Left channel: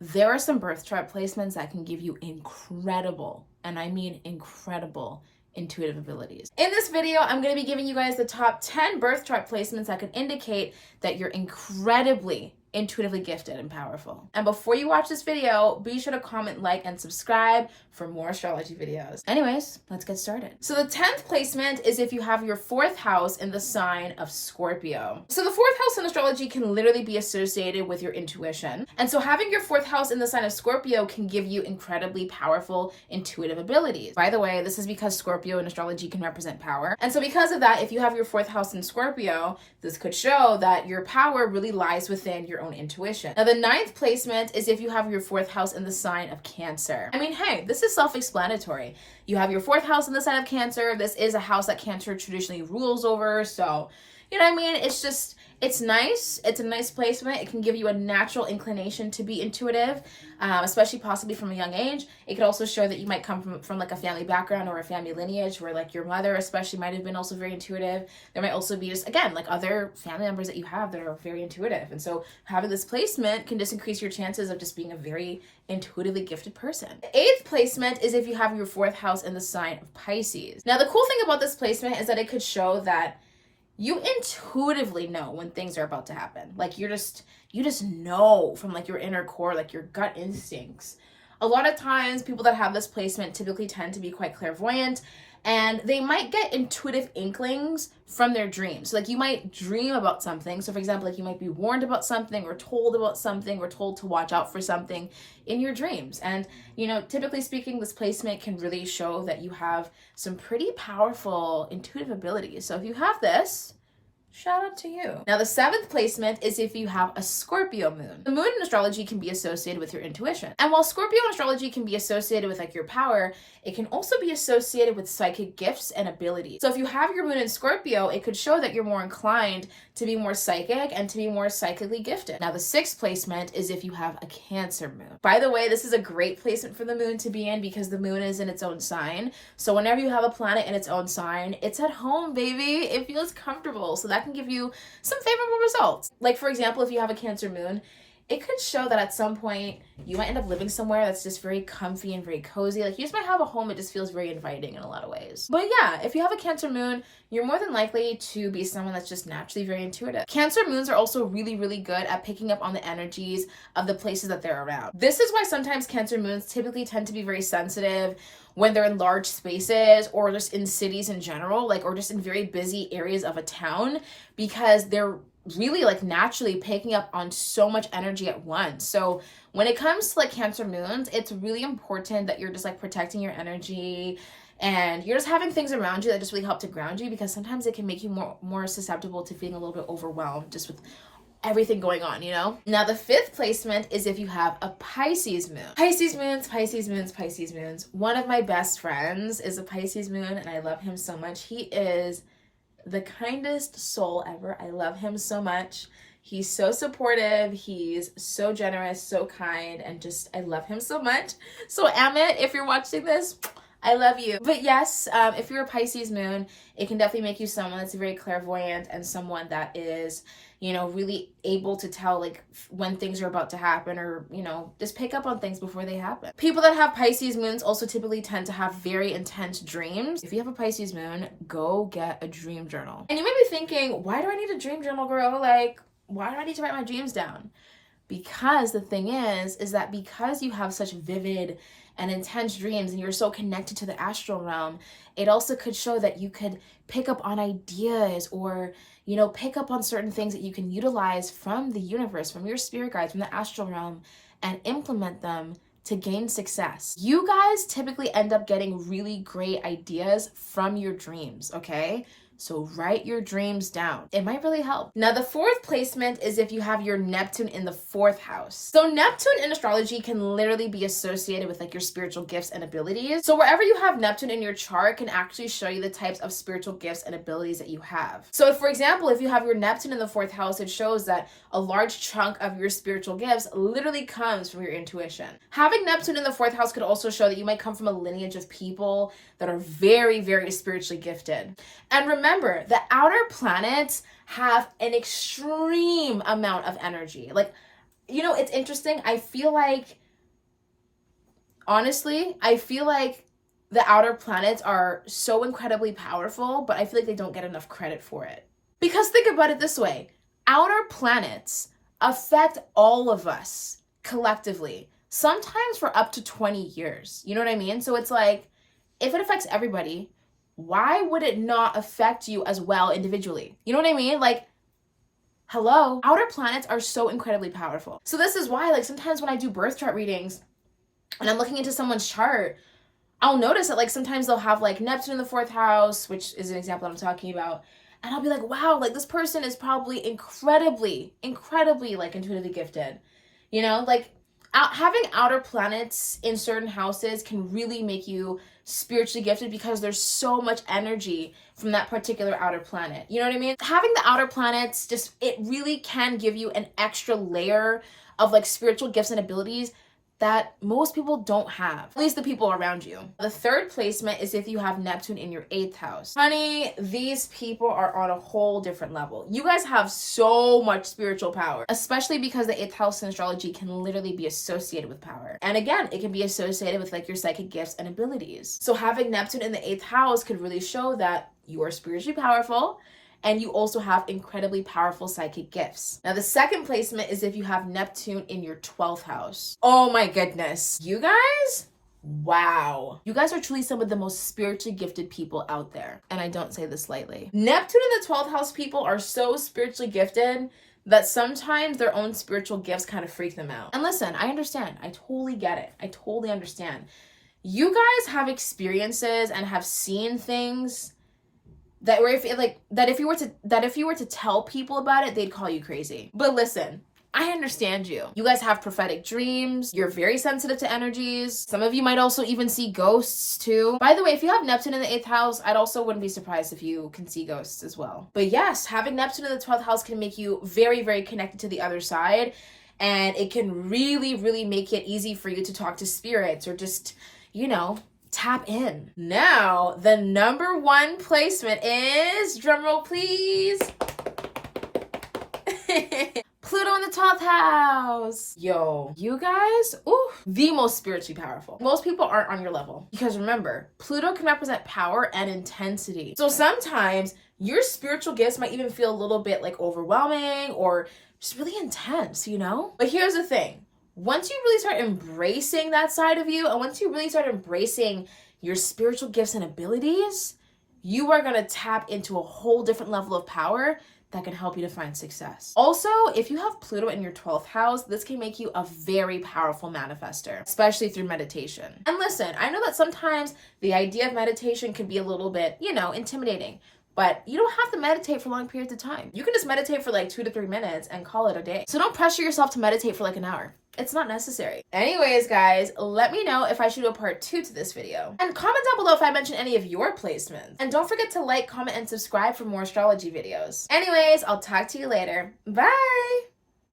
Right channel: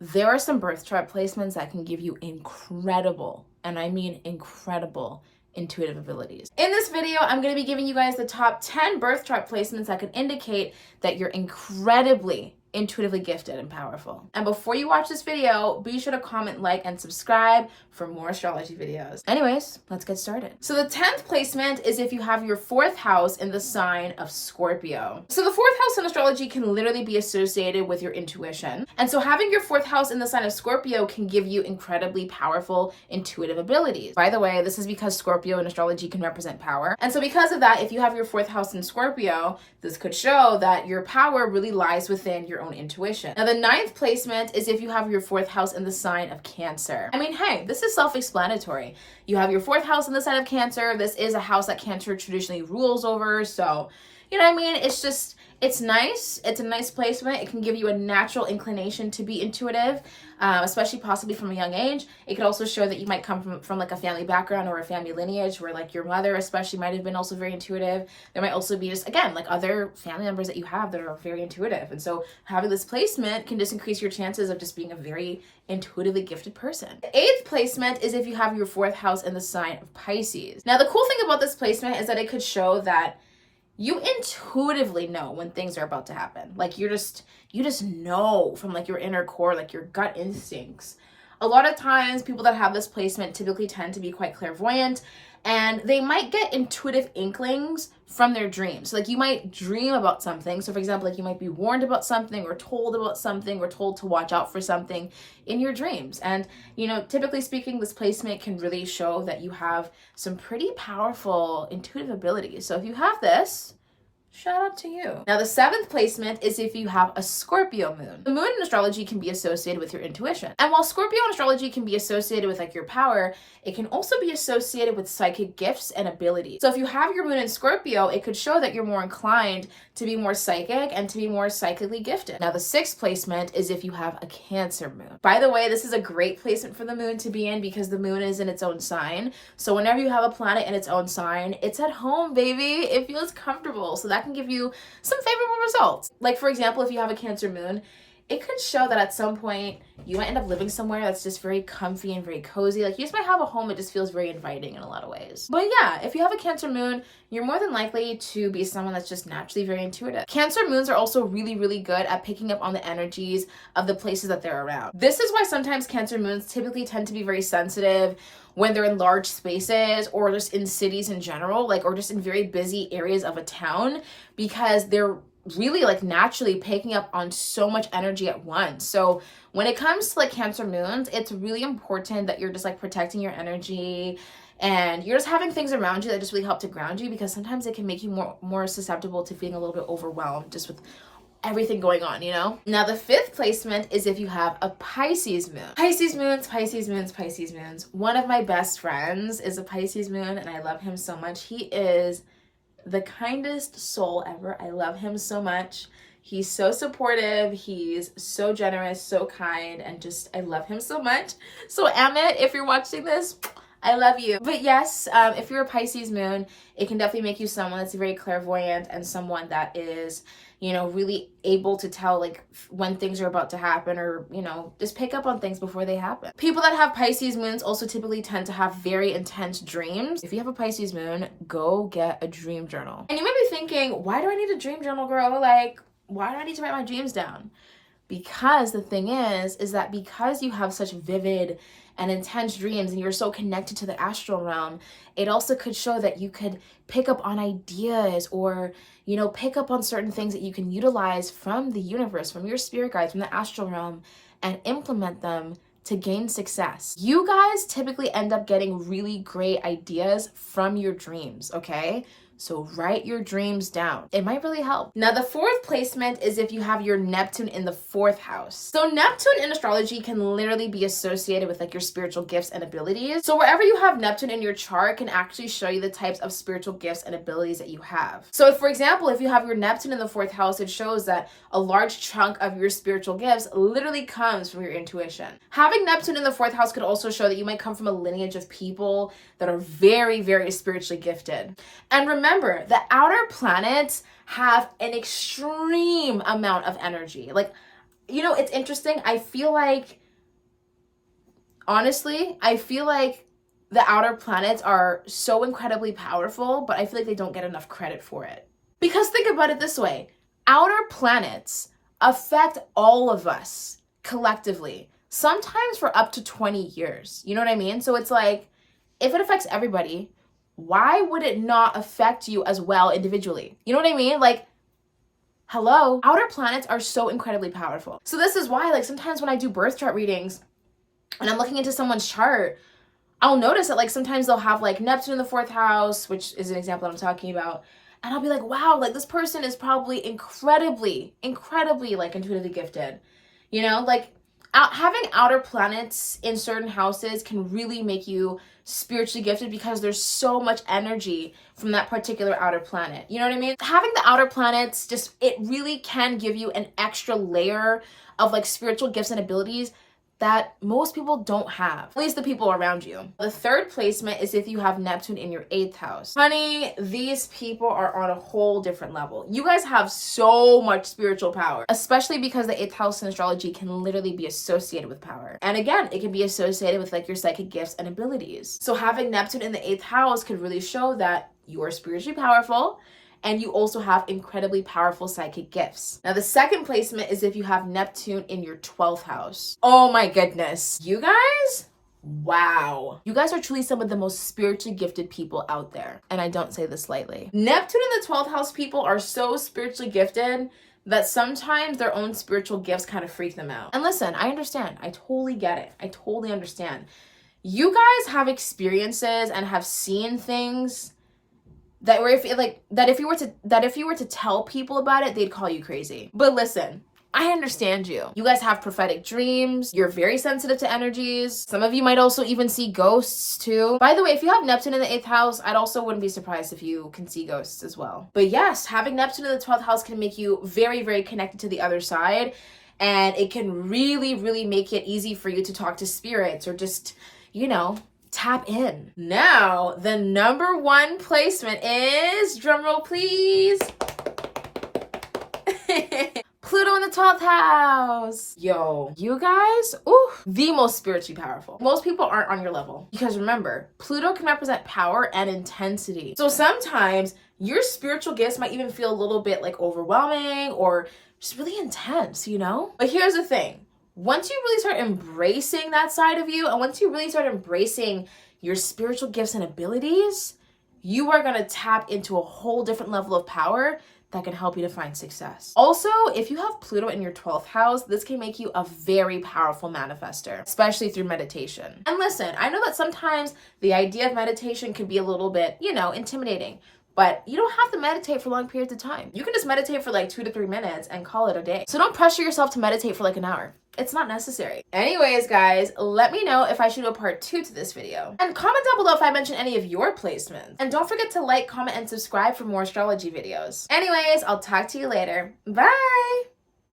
there are some birth chart placements that can give you incredible, and I mean incredible, intuitive abilities. In this video, I'm going to be giving you guys the top 10 birth chart placements that could indicate that you're incredibly intuitively gifted and powerful. And before you watch this video, be sure to comment, like, and subscribe for more astrology videos. Anyways, let's get started. So the 10th placement is if you have your 4th house in the sign of Scorpio. So the 4th house in astrology can literally be associated with your intuition. And so having your 4th house in the sign of Scorpio can give you incredibly powerful intuitive abilities. By the way, this is because Scorpio in astrology can represent power. And so because of that, if you have your 4th house in Scorpio, this could show that your power really lies within your own intuition. Now, the 9th placement is if you have your 4th house in the sign of Cancer. I mean, hey, this is self-explanatory. You have your 4th house in the sign of Cancer. This is a house that Cancer traditionally rules over. So, you know what I mean? It's nice. It's a nice placement. It can give you a natural inclination to be intuitive, especially possibly from a young age. It could also show that you might come from like a family background or a family lineage where like your mother especially might have been also very intuitive. There might also be just, again, like other family members that you have that are very intuitive. And so having this placement can just increase your chances of just being a very intuitively gifted person. The 8th placement is if you have your 4th house in the sign of Pisces. Now, the cool thing about this placement is that it could show that you intuitively know when things are about to happen. Like you just know from like your inner core, like your gut instincts. A lot of times people that have this placement typically tend to be quite clairvoyant, and they might get intuitive inklings from their dreams. So like you might dream about something. So for example, like you might be warned about something or told about something or told to watch out for something in your dreams. And, you know, typically speaking, this placement can really show that you have some pretty powerful intuitive abilities. So if you have this, shout out to you. Now, the 7th placement is if you have a Scorpio moon. The moon in astrology can be associated with your intuition. And while Scorpio in astrology can be associated with like your power, it can also be associated with psychic gifts and abilities. So if you have your moon in Scorpio, it could show that you're more inclined to be more psychic and to be more psychically gifted. Now, the 6th placement is if you have a Cancer moon. By the way, this is a great placement for the moon to be in because the moon is in its own sign. So whenever you have a planet in its own sign, it's at home, baby. It feels comfortable. So that can give you some favorable results. Like, for example, if you have a Cancer moon, it could show that at some point you might end up living somewhere that's just very comfy and very cozy. Like you just might have a home that just feels very inviting in a lot of ways. But yeah, if you have a Cancer moon, you're more than likely to be someone that's just naturally very intuitive. Cancer moons are also really, really good at picking up on the energies of the places that they're around. This is why sometimes Cancer moons typically tend to be very sensitive when they're in large spaces or just in cities in general, like, or just in very busy areas of a town, because they're really like naturally picking up on so much energy at once. So when it comes to like Cancer moons, it's really important that you're just like protecting your energy and you're just having things around you that just really help to ground you, because sometimes it can make you more susceptible to feeling a little bit overwhelmed just with everything going on, you know? Now, the 5th placement is if you have a Pisces moon. Pisces moons, Pisces moons, Pisces moons. One of my best friends is a Pisces moon and I love him so much. He is the kindest soul ever. I love him so much. He's so supportive. He's so generous, so kind, and just, I love him so much. So Amit, if you're watching this, I love you. But yes, if you're a Pisces moon, it can definitely make you someone that's very clairvoyant and someone that is, you know, really able to tell like when things are about to happen, or, you know, just pick up on things before they happen. People that have Pisces moons also typically tend to have very intense dreams. If you have a Pisces moon, go get a dream journal. And you might be thinking, why do I need a dream journal, girl? Like, why do I need to write my dreams down? Because the thing is that because you have such vivid and intense dreams and you're so connected to the astral realm, it also could show that you could pick up on ideas or, you know, pick up on certain things that you can utilize from the universe, from your spirit guides, from the astral realm, and implement them to gain success. You guys typically end up getting really great ideas from your dreams, okay? So write your dreams down. It might really help. Now, the 4th placement is if you have your Neptune in the 4th house. So Neptune in astrology can literally be associated with like your spiritual gifts and abilities. So wherever you have Neptune in your chart can actually show you the types of spiritual gifts and abilities that you have. So if, for example, if you have your Neptune in the 4th house, it shows that a large chunk of your spiritual gifts literally comes from your intuition. Having Neptune in the 4th house could also show that you might come from a lineage of people that are very, very spiritually gifted. And remember, the outer planets have an extreme amount of energy. Like, you know, it's interesting. I feel like, honestly, I feel like the outer planets are so incredibly powerful, but I feel like they don't get enough credit for it. Because think about it this way, outer planets affect all of us collectively, sometimes for up to 20 years. You know what I mean? So it's like, if it affects everybody, why would it not affect you as well individually? You know what I mean? Like, hello, outer planets are so incredibly powerful. So this is why, like, sometimes when I do birth chart readings and I'm looking into someone's chart, I'll notice that, like, sometimes they'll have, like, Neptune in the 4th house, which is an example I'm talking about. And I'll be like, wow, like, this person is probably incredibly, like, intuitively gifted. You know, like, having outer planets in certain houses can really make you spiritually gifted because there's so much energy from that particular outer planet. You know what I mean? Having the outer planets, just, it really can give you an extra layer of, like, spiritual gifts and abilities that most people don't have, at least the people around you. The third placement is if you have Neptune in your 8th house. Honey, these people are on a whole different level. You guys have so much spiritual power, especially because the 8th house in astrology can literally be associated with power. And again, it can be associated with, like, your psychic gifts and abilities. So having Neptune in the 8th house could really show that you are spiritually powerful, and you also have incredibly powerful psychic gifts. Now, the second placement is if you have Neptune in your 12th house. Oh my goodness. You guys? Wow. You guys are truly some of the most spiritually gifted people out there. And I don't say this lightly. Neptune in the 12th house people are so spiritually gifted that sometimes their own spiritual gifts kind of freak them out. And listen, I understand. I totally get it. I totally understand. You guys have experiences and have seen things that if you were to tell people about it, they'd call you crazy. But listen, I understand you. You guys have prophetic dreams. You're very sensitive to energies. Some of you might also even see ghosts too. By the way, if you have Neptune in the 8th house, I'd also wouldn't be surprised if you can see ghosts as well. But yes, having Neptune in the 12th house can make you very, very connected to the other side. And it can really, really make it easy for you to talk to spirits or just, you know, tap in. Now, the number 1 placement is, drumroll please, Pluto in the 12th house. Yo, you guys, the most spiritually powerful. Most people aren't on your level because remember, Pluto can represent power and intensity. So sometimes your spiritual gifts might even feel a little bit like overwhelming or just really intense, you know? But here's the thing. Once you really start embracing that side of you, and once you really start embracing your spiritual gifts and abilities, you are going to tap into a whole different level of power that can help you to find success. Also, if you have Pluto in your 12th house, this can make you a very powerful manifester, especially through meditation. And listen, I know that sometimes the idea of meditation can be a little bit, you know, intimidating. But you don't have to meditate for long periods of time. You can just meditate for like 2 to 3 minutes and call it a day. So don't pressure yourself to meditate for like an hour. It's not necessary. Anyways, guys, let me know if I should do a part 2 to this video. And comment down below if I mention any of your placements. And don't forget to like, comment, and subscribe for more astrology videos. Anyways, I'll talk to you later. Bye!